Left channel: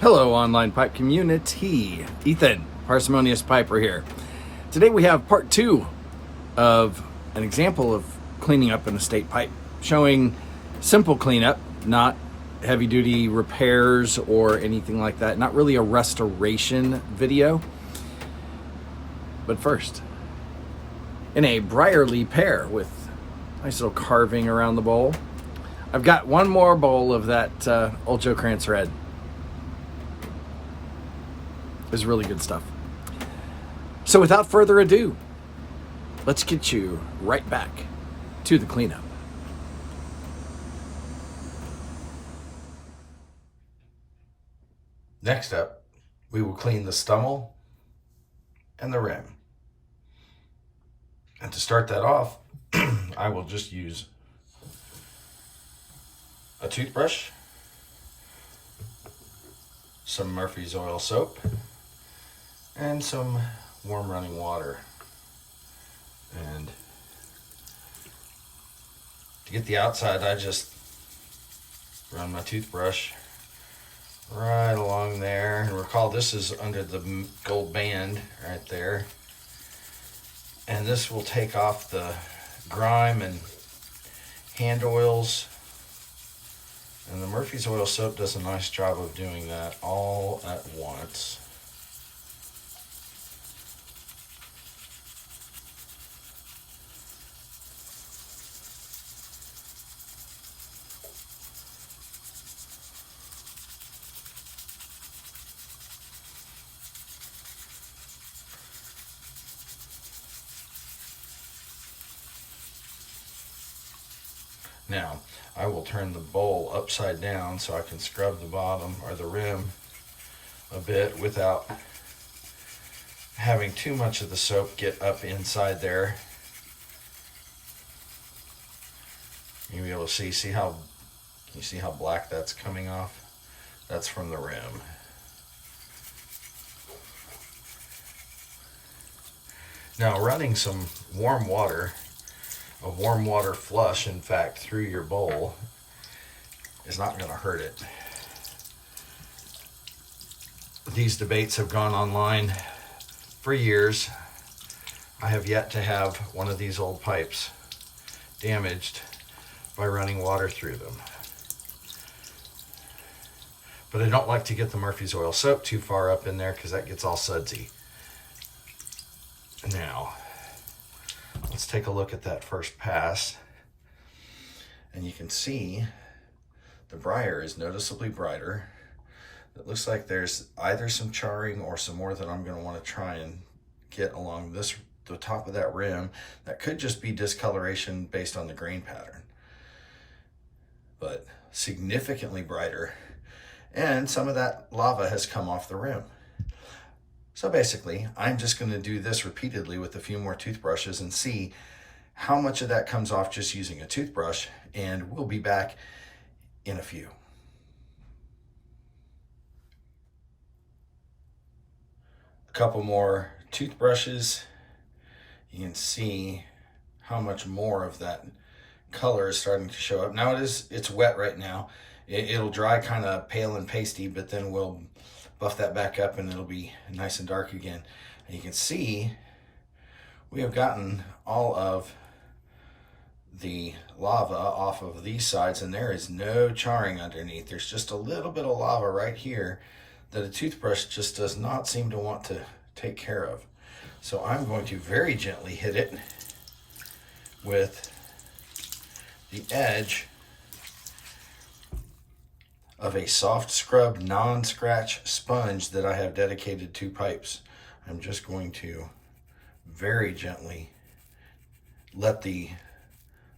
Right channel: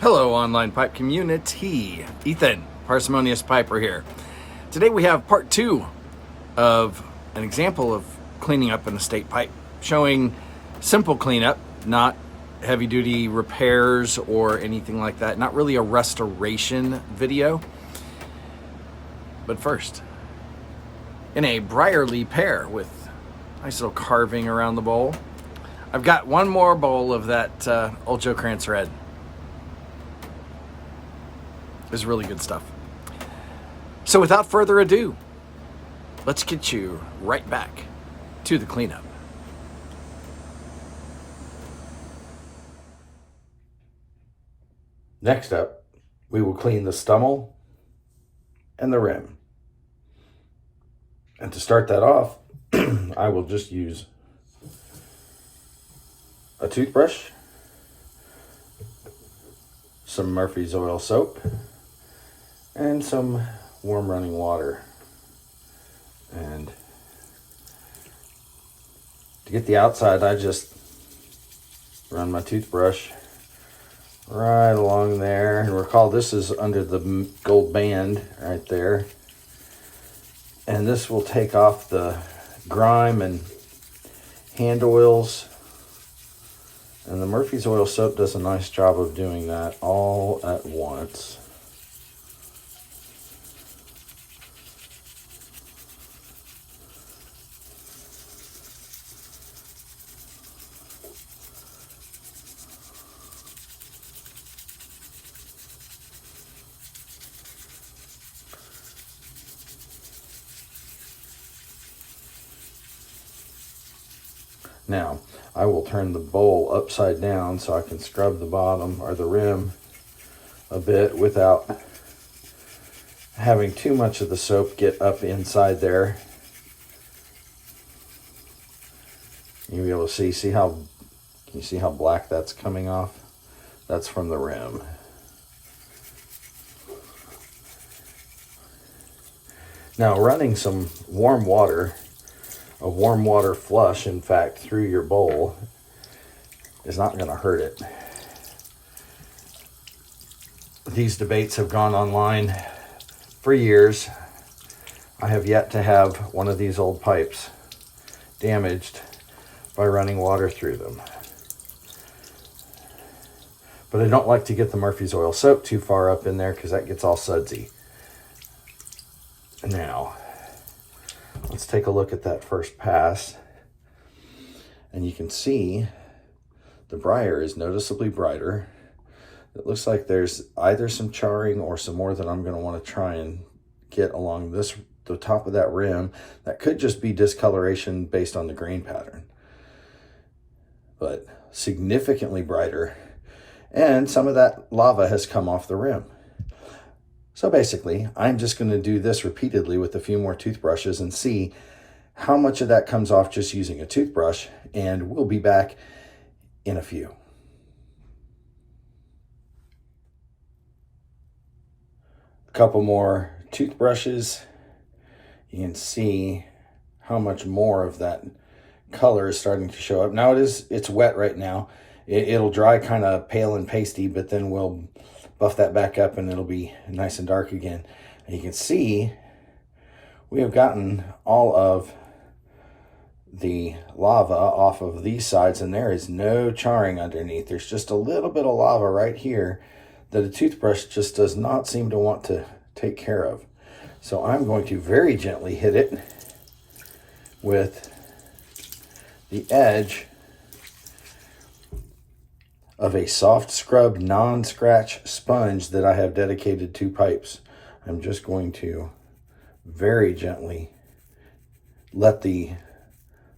Hello, online pipe community. Ethan, Parsimonious Piper here. Today we have part two of an example of cleaning up an estate pipe, showing simple cleanup, not heavy duty repairs or anything like that. Not really a restoration video. But first, in a Briarly pear with nice little carving around the bowl, I've got one more bowl of that Old Joe Krantz Red. Is really good stuff. So without further ado, let's get you right back to the cleanup. Next up, we will clean the stummel and the rim. And to start that off, I will just use a toothbrush, some Murphy's Oil soap, and some warm running water. And to get the outside, I just run my toothbrush right along there. And recall, this is under the gold band right there. And this will take off the grime and hand oils. And the Murphy's Oil soap does a nice job of doing that all at once. Now, I will turn the bowl upside down so I can scrub the bottom or the rim a bit without having too much of the soap get up inside there. You'll be able to see how, can you see how black that's coming off? That's from the rim. Now, running some warm water, a warm water flush, in fact, through your bowl is not going to hurt it. These debates have gone online for years. I have yet to have one of these old pipes damaged by running water through them. But I don't like to get the Murphy's Oil soap too far up in there because that gets all sudsy. Now, let's take a look at that first pass. And you can see the briar is noticeably brighter. It looks like there's either some charring or some more that I'm going to want to try and get along the top of that rim. That could just be discoloration based on the grain pattern. But significantly brighter. And some of that lava has come off the rim. So basically, I'm just going to do this repeatedly with a few more toothbrushes and see how much of that comes off just using a toothbrush, and we'll be back in a few. A couple more toothbrushes. You can see how much more of that color is starting to show up. Now it's wet right now. It'll dry kind of pale and pasty, but then we'll buff that back up and it'll be nice and dark again. And you can see we have gotten all of the lava off of these sides, and there is no charring underneath. There's just a little bit of lava right here that a toothbrush just does not seem to want to take care of. So I'm going to very gently hit it with the edge of a soft scrub non-scratch sponge that I have dedicated to pipes. I'm just going to very gently let the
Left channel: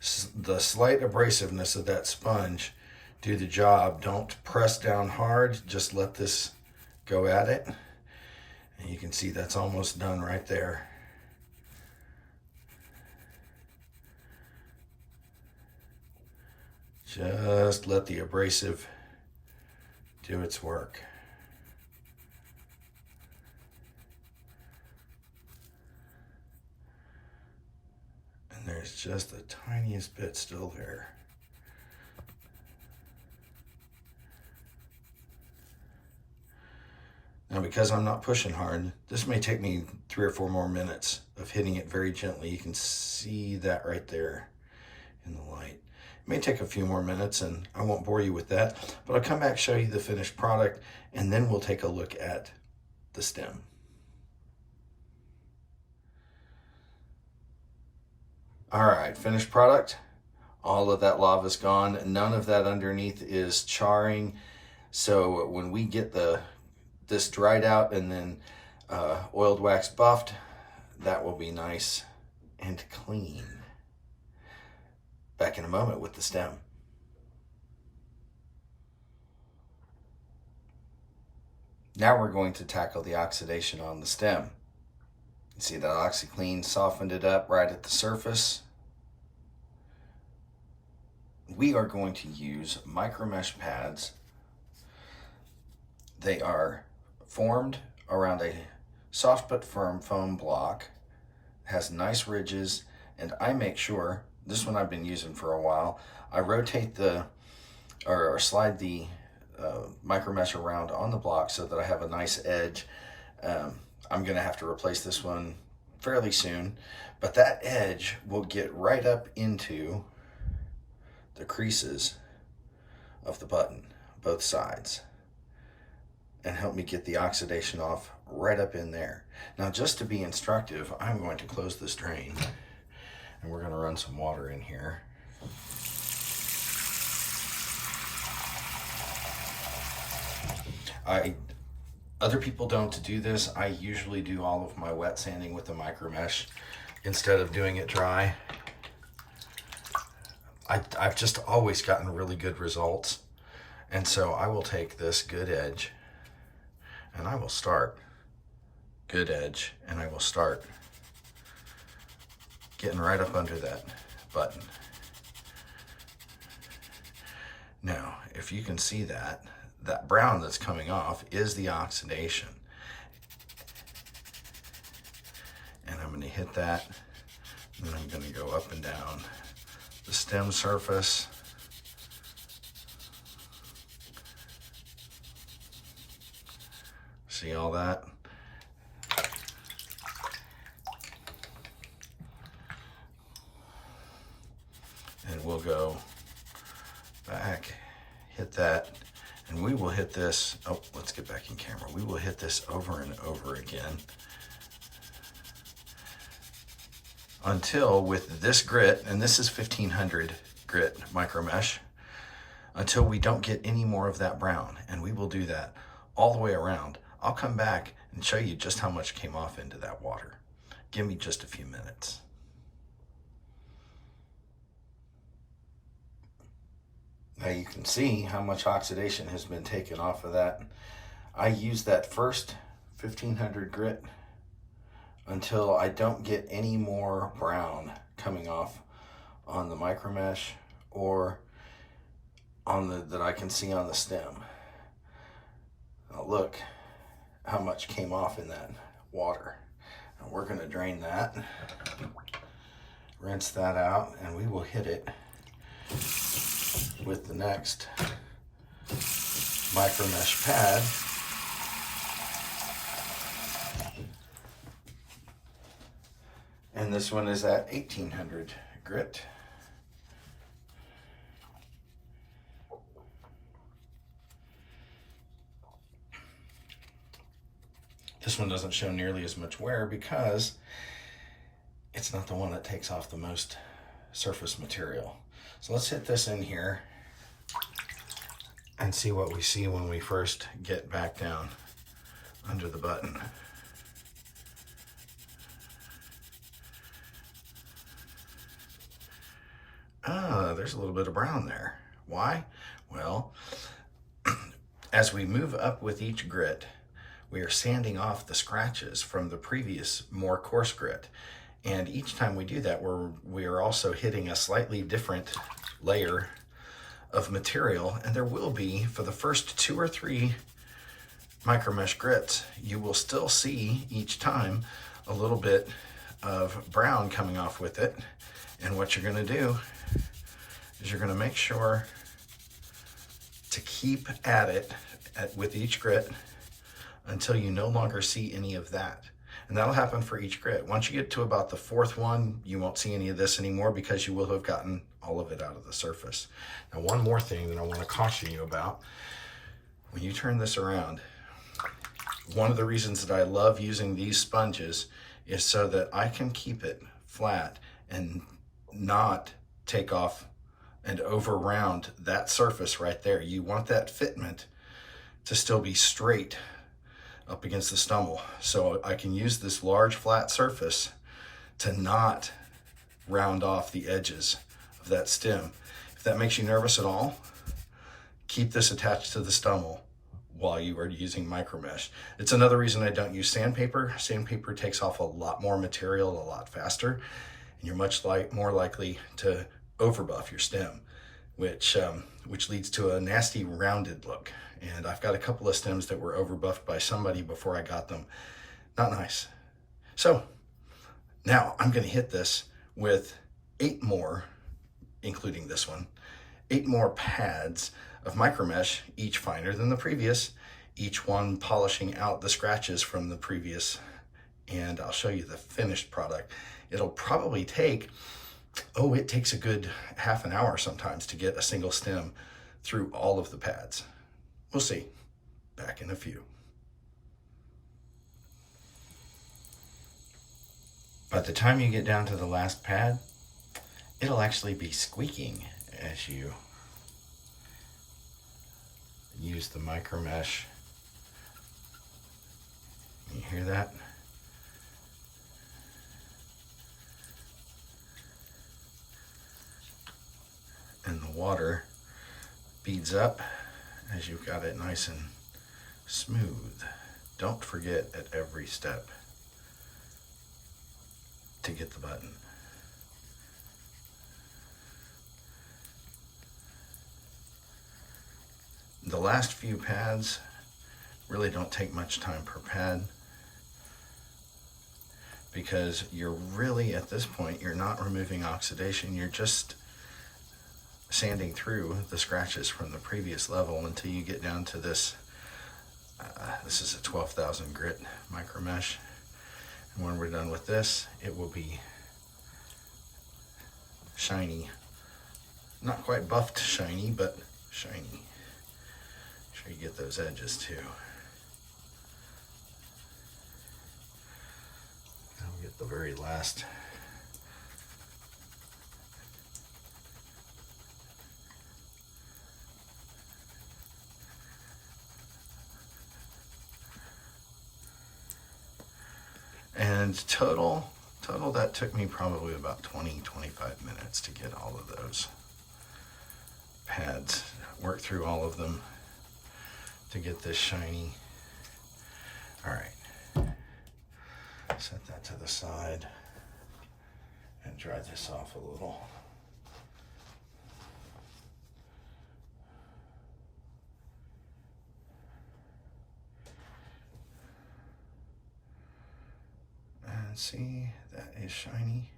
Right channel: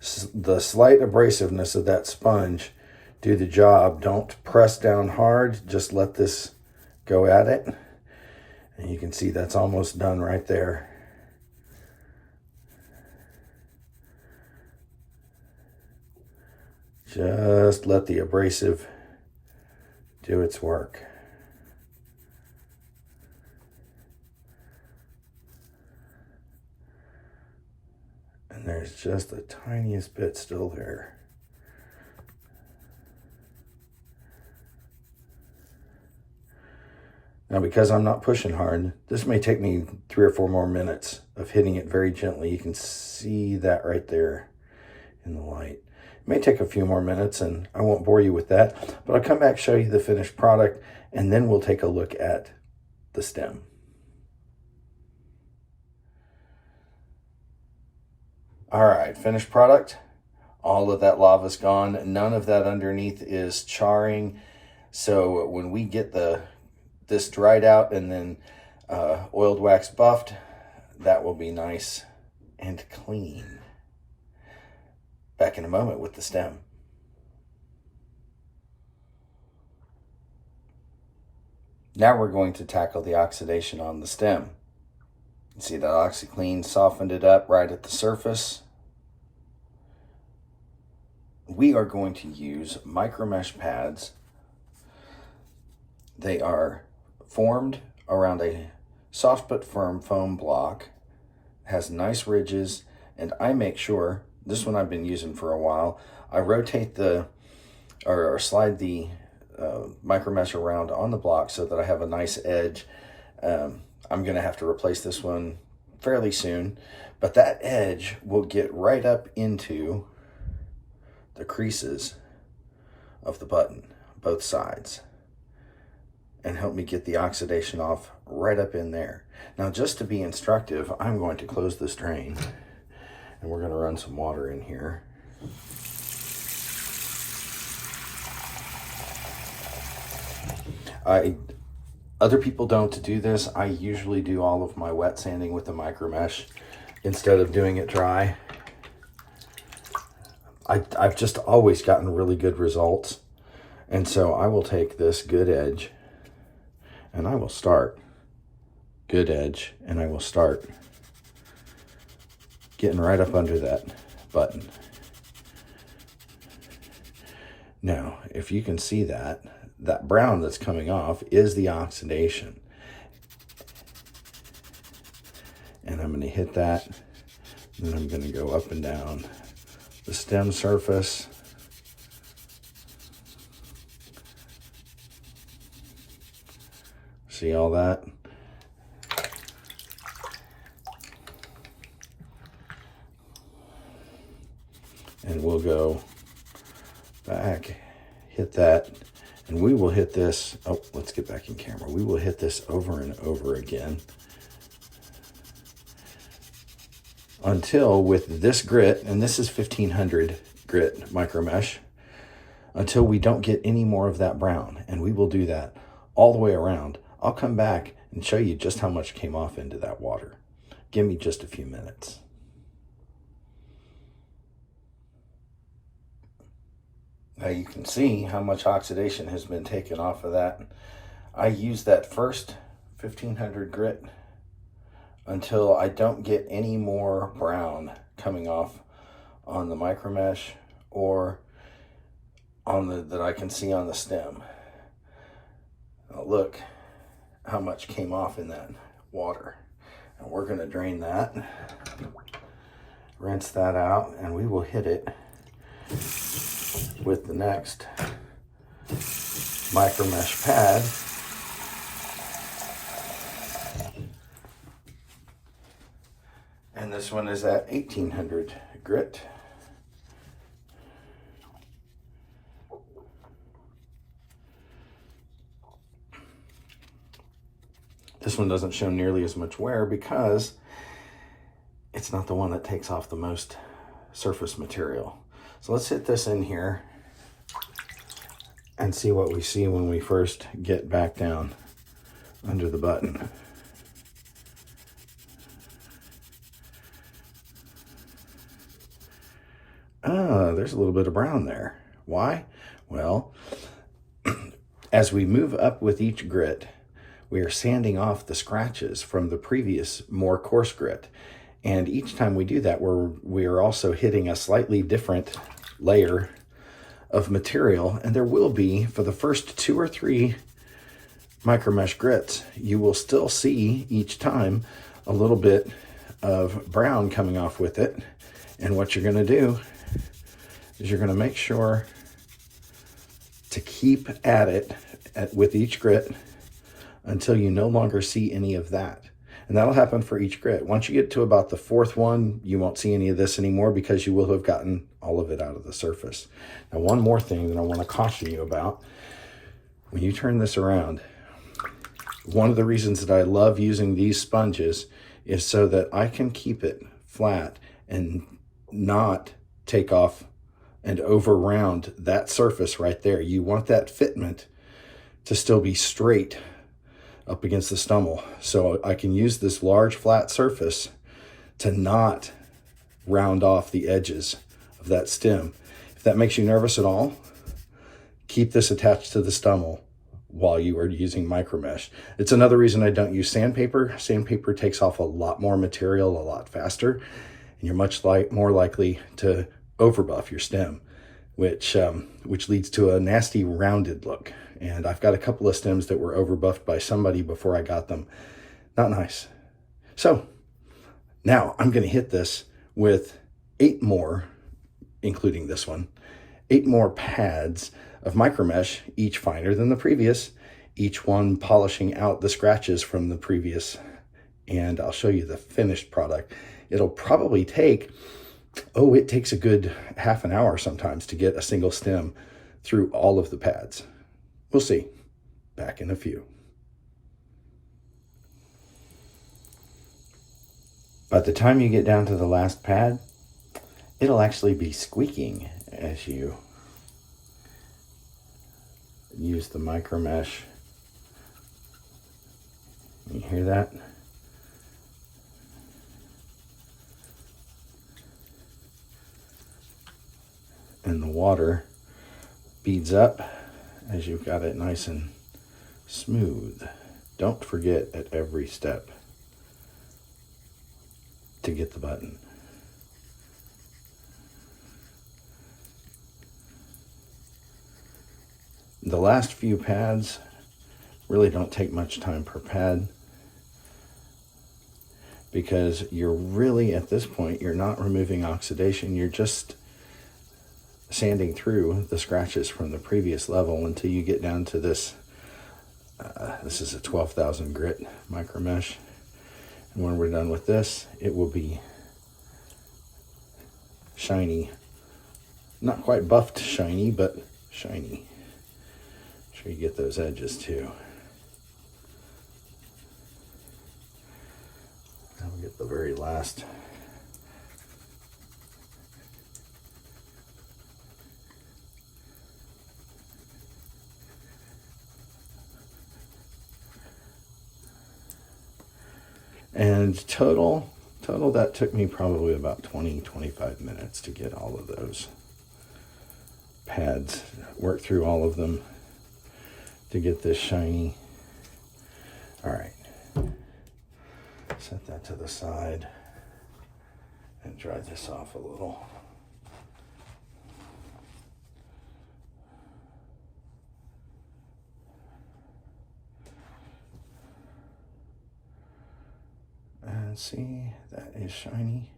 slight abrasiveness of that sponge do the job. Don't press down hard, just let this go at it. And you can see that's almost done right there. Just let the abrasive do its work. And there's just the tiniest bit still there. Now, because I'm not pushing hard, this may take me 3 or 4 more minutes of hitting it very gently. You can see that right there in the light. It may take a few more minutes, and I won't bore you with that, but I'll come back, show you the finished product, and then we'll take a look at the stem. All right, finished product. All of that lava's gone. None of that underneath is charring. So when we get this dried out and then oiled wax buffed, that will be nice and clean. Back in a moment with the stem. Now we're going to tackle the oxidation on the stem. You see that OxiClean softened it up right at the surface. We are going to use micromesh pads. They are formed around a soft but firm foam block, has nice ridges, and I make sure, this one I've been using for a while, I rotate or slide the micromesh around on the block so that I have a nice edge. I'm gonna have to replace this one fairly soon, but that edge will get right up into the creases of the button, both sides, and help me get the oxidation off right up in there. Now, just to be instructive, I'm going to close this drain and we're going to run some water in here. Other people don't do this. I usually do all of my wet sanding with the micromesh instead of doing it dry. I've just always gotten really good results. And so I will take this good edge and I will start good edge and I will start getting right up under that button. Now, if you can see that brown that's coming off is the oxidation. And I'm going to hit that, and then I'm going to go up and down the stem surface. See all that? And we'll go back, hit that, and we will hit this. Oh, let's get back in camera. We will hit this over and over again until with this grit, and this is 1500 grit micro mesh, until we don't get any more of that brown. And we will do that all the way around. I'll come back and show you just how much came off into that water. Give me just a few minutes. Now you can see how much oxidation has been taken off of that. I use that first 1500 grit until I don't get any more brown coming off on the micromesh or on that I can see on the stem. Now look how much came off in that water. And we're going to drain that, rinse that out, and we will hit it with the next micromesh pad. And this one is at 1800 grit. This one doesn't show nearly as much wear because it's not the one that takes off the most surface material. So let's hit this in here and see what we see when we first get back down under the button. There's a little bit of brown there. Why? Well, as we move up with each grit, we are sanding off the scratches from the previous more coarse grit. And each time we do that, we are also hitting a slightly different layer of material. And there will be, for the first 2 or 3 micromesh grits, you will still see each time a little bit of brown coming off with it. And what you're gonna do is you're gonna make sure to keep at it with each grit until you no longer see any of that. And that'll happen for each grit. Once you get to about the fourth one, you won't see any of this anymore because you will have gotten all of it out of the surface. Now, one more thing that I want to caution you about, when you turn this around, one of the reasons that I love using these sponges is so that I can keep it flat and not take off and over round that surface right there. You want that fitment to still be straight up against the stumble. So I can use this large flat surface to not round off the edges of that stem. If that makes you nervous at all, keep this attached to the stumble while you are using micromesh. It's another reason I don't use sandpaper. Sandpaper takes off a lot more material a lot faster, and you're much more likely to overbuff your stem, which leads to a nasty rounded look. And I've got a couple of stems that were overbuffed by somebody before I got them. Not nice. So now I'm going to hit this with 8 more, including this one, 8 more pads of micromesh, each finer than the previous, each one polishing out the scratches from the previous. And I'll show you the finished product. It'll probably take, it takes a good half an hour sometimes to get a single stem through all of the pads. We'll see. Back in a few. By the time you get down to the last pad, it'll actually be squeaking as you use the micromesh. You hear that? And the water beads up as you've got it nice and smooth. Don't forget at every step to get the button. The last few pads really don't take much time per pad because you're really, at this point, you're not removing oxidation, you're just sanding through the scratches from the previous level until you get down to this. This is a 12,000 grit micromesh. And when we're done with this, it will be shiny. Not quite buffed shiny, but shiny. Make sure you get those edges too. And we'll get the very last. And total that took me probably about 20-25 minutes to get all of those pads, work through all of them to get this shiny. All right, set that to the side and dry this off a little. And see, that is shiny.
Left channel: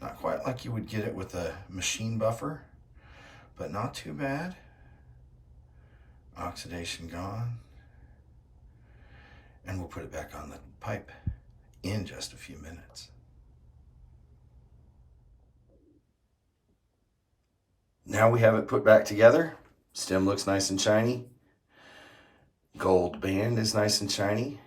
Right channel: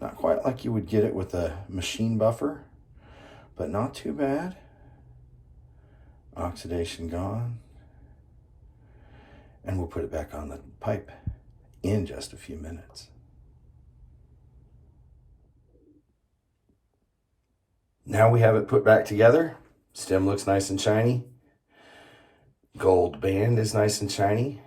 Not quite like you would get it with a machine buffer, but not too bad. Oxidation gone. And we'll put it back on the pipe in just a few minutes. Now we have it put back together. Stem looks nice and shiny. Gold band is nice and shiny.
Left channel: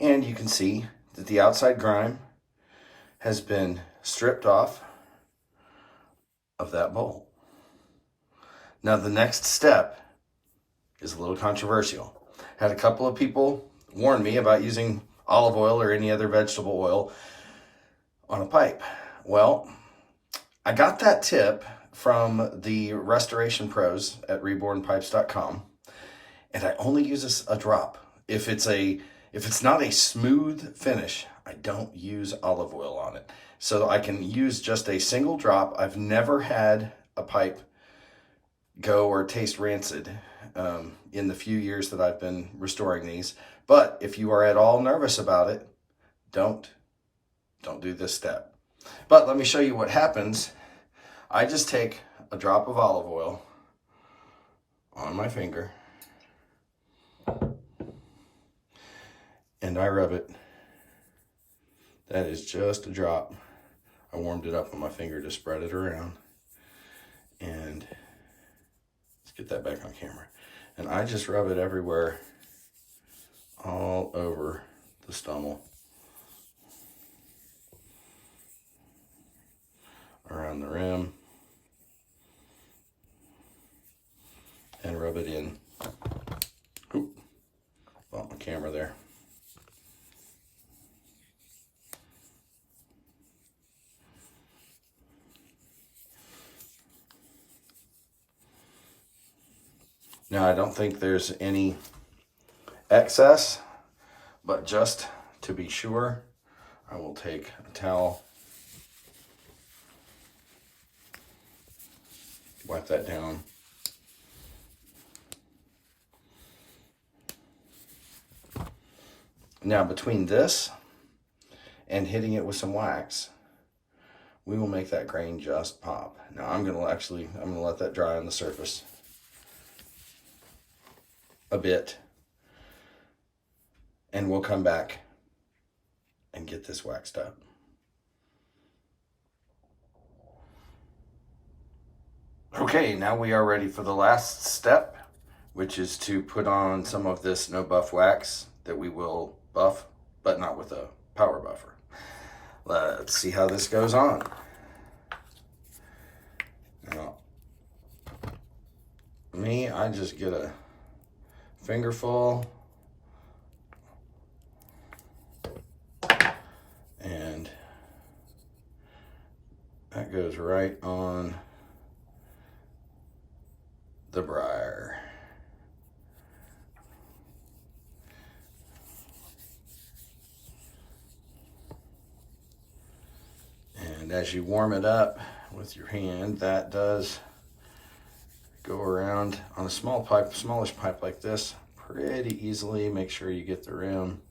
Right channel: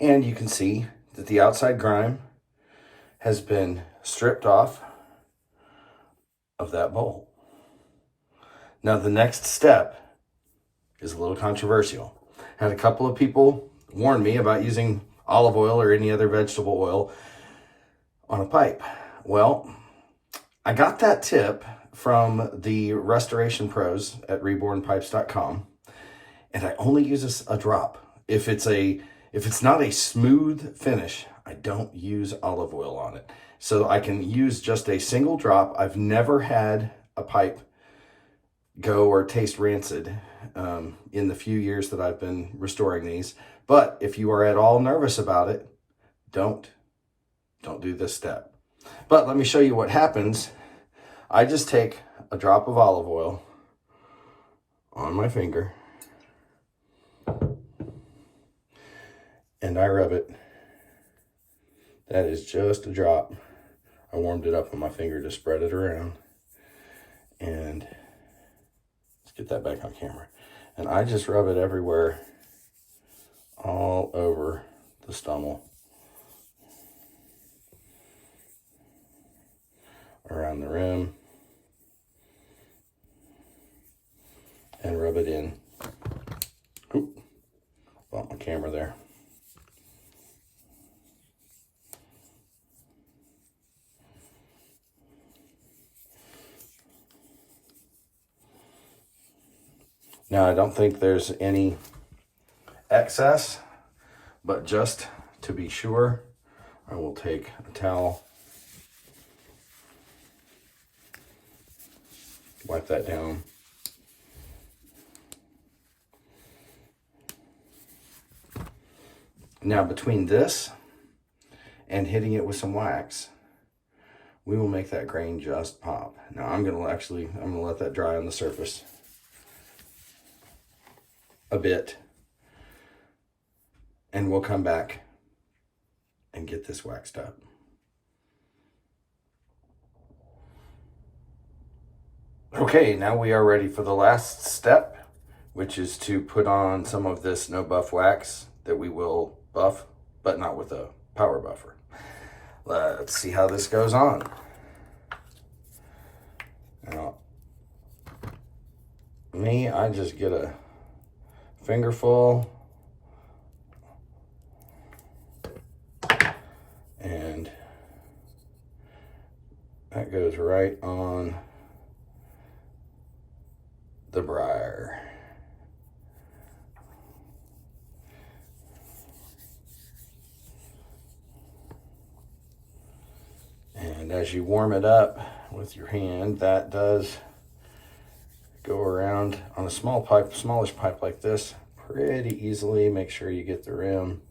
And you can see that the outside grime has been stripped off of that bowl. Now the next step is a little controversial. Had a couple of people warn me about using olive oil or any other vegetable oil on a pipe. Well, I got that tip from the restoration pros at rebornpipes.com, and I only use a drop. If it's not a smooth finish, I don't use olive oil on it. So I can use just a single drop. I've never had a pipe go or taste rancid in the few years that I've been restoring these. But if you are at all nervous about it, don't do this step. But let me show you what happens. I just take a drop of olive oil on my finger, and I rub it. That is just a drop. I warmed it up with my finger to spread it around. And let's get that back on camera. And I just rub it everywhere, all over the stummel. Around the rim. And rub it in. Oop, bumped my camera there. Now, I don't think there's any excess, but just to be sure, I will take a towel, wipe that down. Now, between this and hitting it with some wax, we will make that grain just pop. Now, I'm gonna let that dry on the surface a bit, and we'll come back and get this waxed up. Okay, now we are ready for the last step, which is to put on some of this no buff wax that we will buff, but not with a power buffer. Let's see how this goes on. Now, I just get a fingerful, and that goes right on the briar. And as you warm it up with your hand, that does go around on a smallish pipe like this pretty easily. Make sure you get the rim.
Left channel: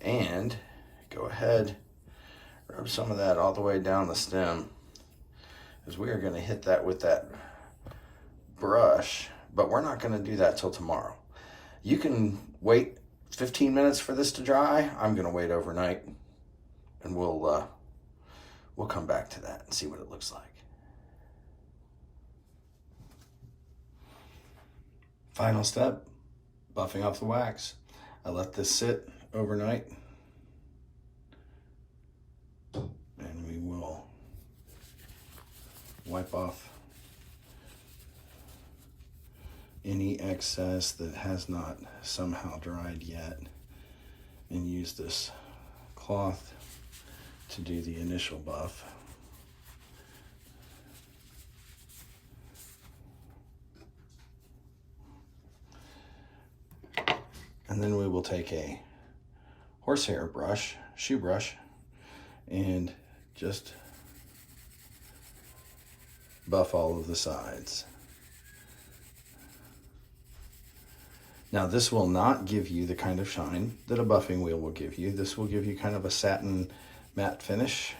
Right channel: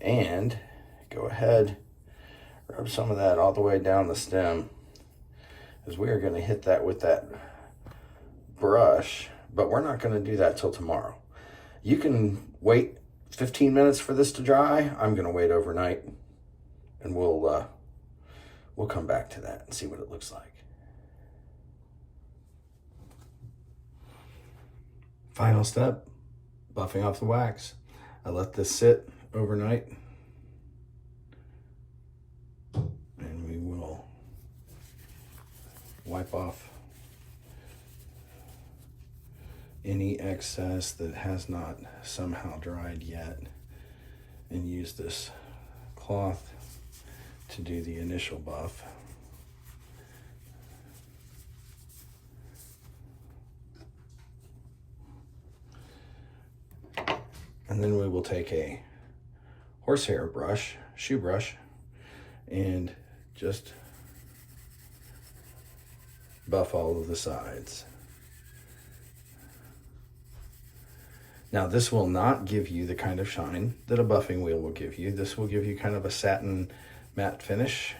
And go ahead, rub some of that all the way down the stem, because we are going to hit that with that brush, but we're not going to do that till tomorrow. You can wait 15 minutes for this to dry. I'm going to wait overnight, and we'll come back to that and see what it looks like. Final step, buffing off the wax. I let this sit overnight, and we will wipe off any excess that has not somehow dried yet, and use this cloth to do the initial buff. And then we will take a horsehair brush, shoe brush, and just buff all of the sides. Now, this will not give you the kind of shine that a buffing wheel will give you. This will give you kind of a satin matte finish.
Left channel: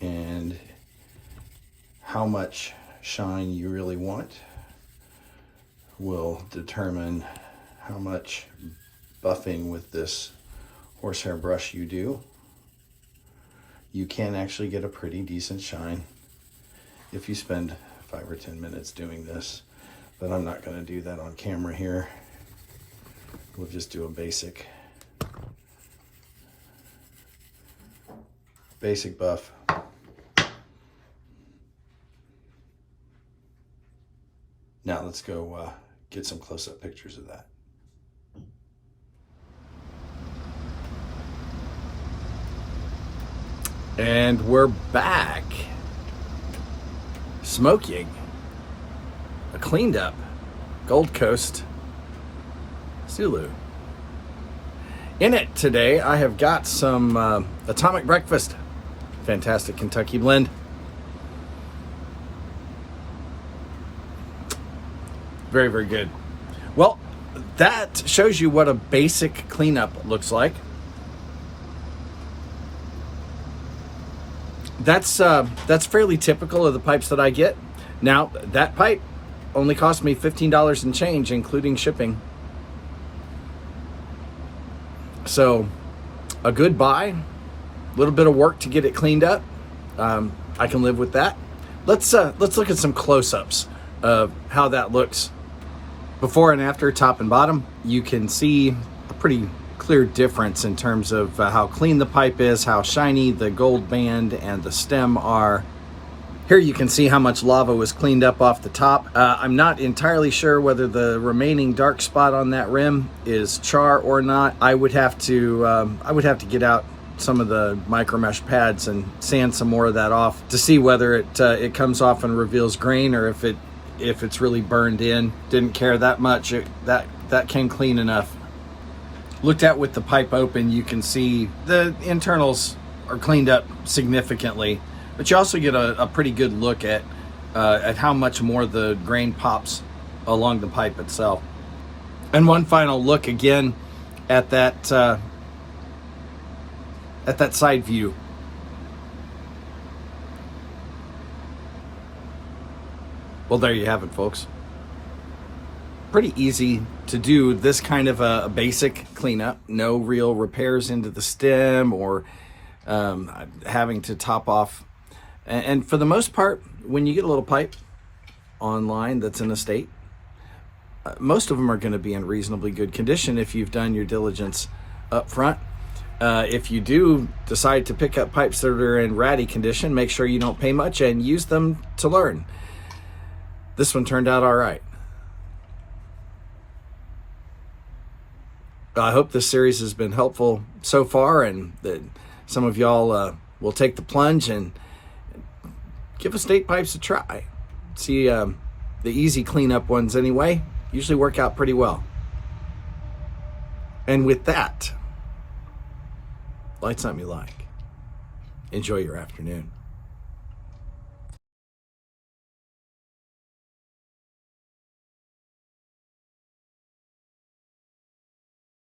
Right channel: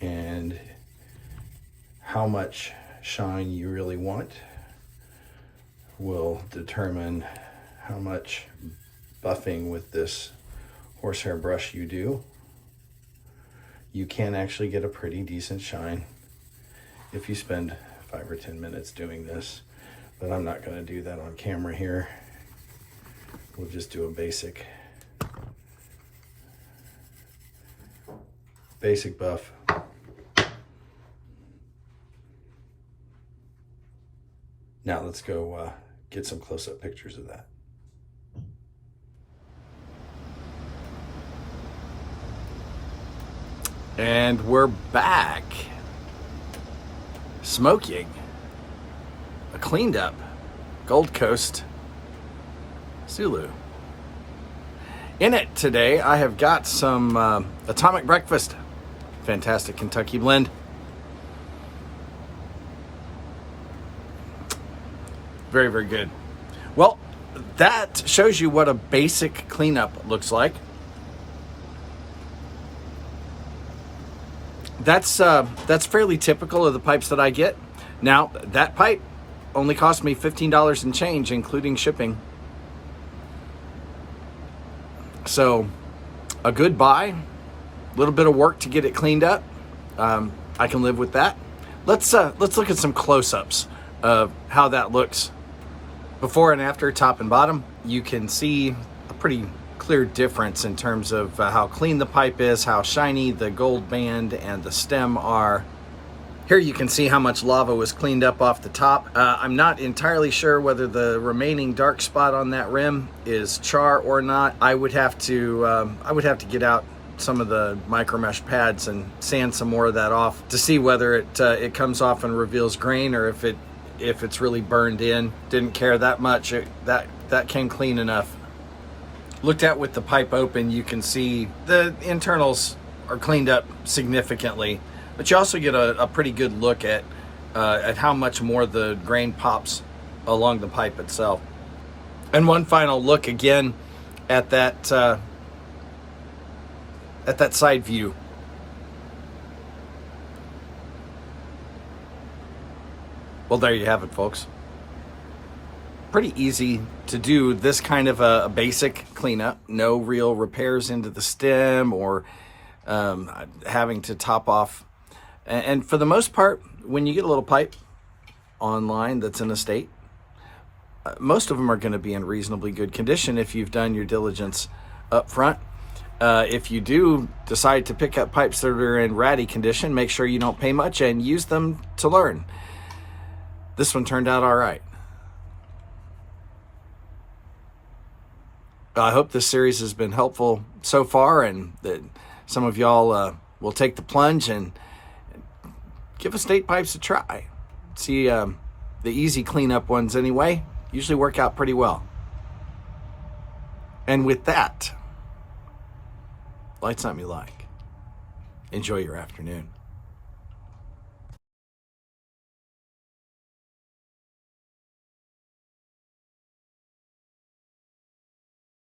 And how much shine you really want will determine how much buffing with this horsehair brush you do. You can actually get a pretty decent shine if you spend 5 or 10 minutes doing this, but I'm not going to do that on camera here. We'll just do a basic buff. Now let's go get some close-up pictures of that. And we're back smoking a cleaned up Gold Coast Sulu. In it today, I have got some Atomic Breakfast, fantastic Kentucky blend. Very, very good. Well, that shows you what a basic cleanup looks like. That's fairly typical of the pipes that I get. Now, that pipe only cost me $15 and change, including shipping. So a good buy, a little bit of work to get it cleaned up. I can live with that. Let's look at some close-ups of how that looks before and after, top and bottom. You can see a pretty clear difference in terms of how clean the pipe is, how shiny the gold band and the stem are. Here you can see how much lava was cleaned up off the top. I'm not entirely sure whether the remaining dark spot on that rim is char or not. I would have to get out some of the micro mesh pads and sand some more of that off to see whether it comes off and reveals grain, or if it's really burned in. Didn't care that much. That came clean enough. Looked at with the pipe open, you can see the internals are cleaned up significantly. But you also get a pretty good look at how much more the grain pops along the pipe itself. And one final look again at that side view. Well, there you have it, folks. Pretty easy to do this kind of a basic cleanup. No real repairs into the stem or having to top off. And for the most part, when you get a little pipe online that's in a state, most of them are going to be in reasonably good condition if you've done your diligence up front. If you do decide to pick up pipes that are in ratty condition, make sure you don't pay much and use them to learn. This one turned out all right. I hope this series has been helpful so far, and that some of y'all will take the plunge and give estate pipes a try. See, the easy cleanup ones anyway usually work out pretty well. And with that, light something you like. Enjoy your afternoon.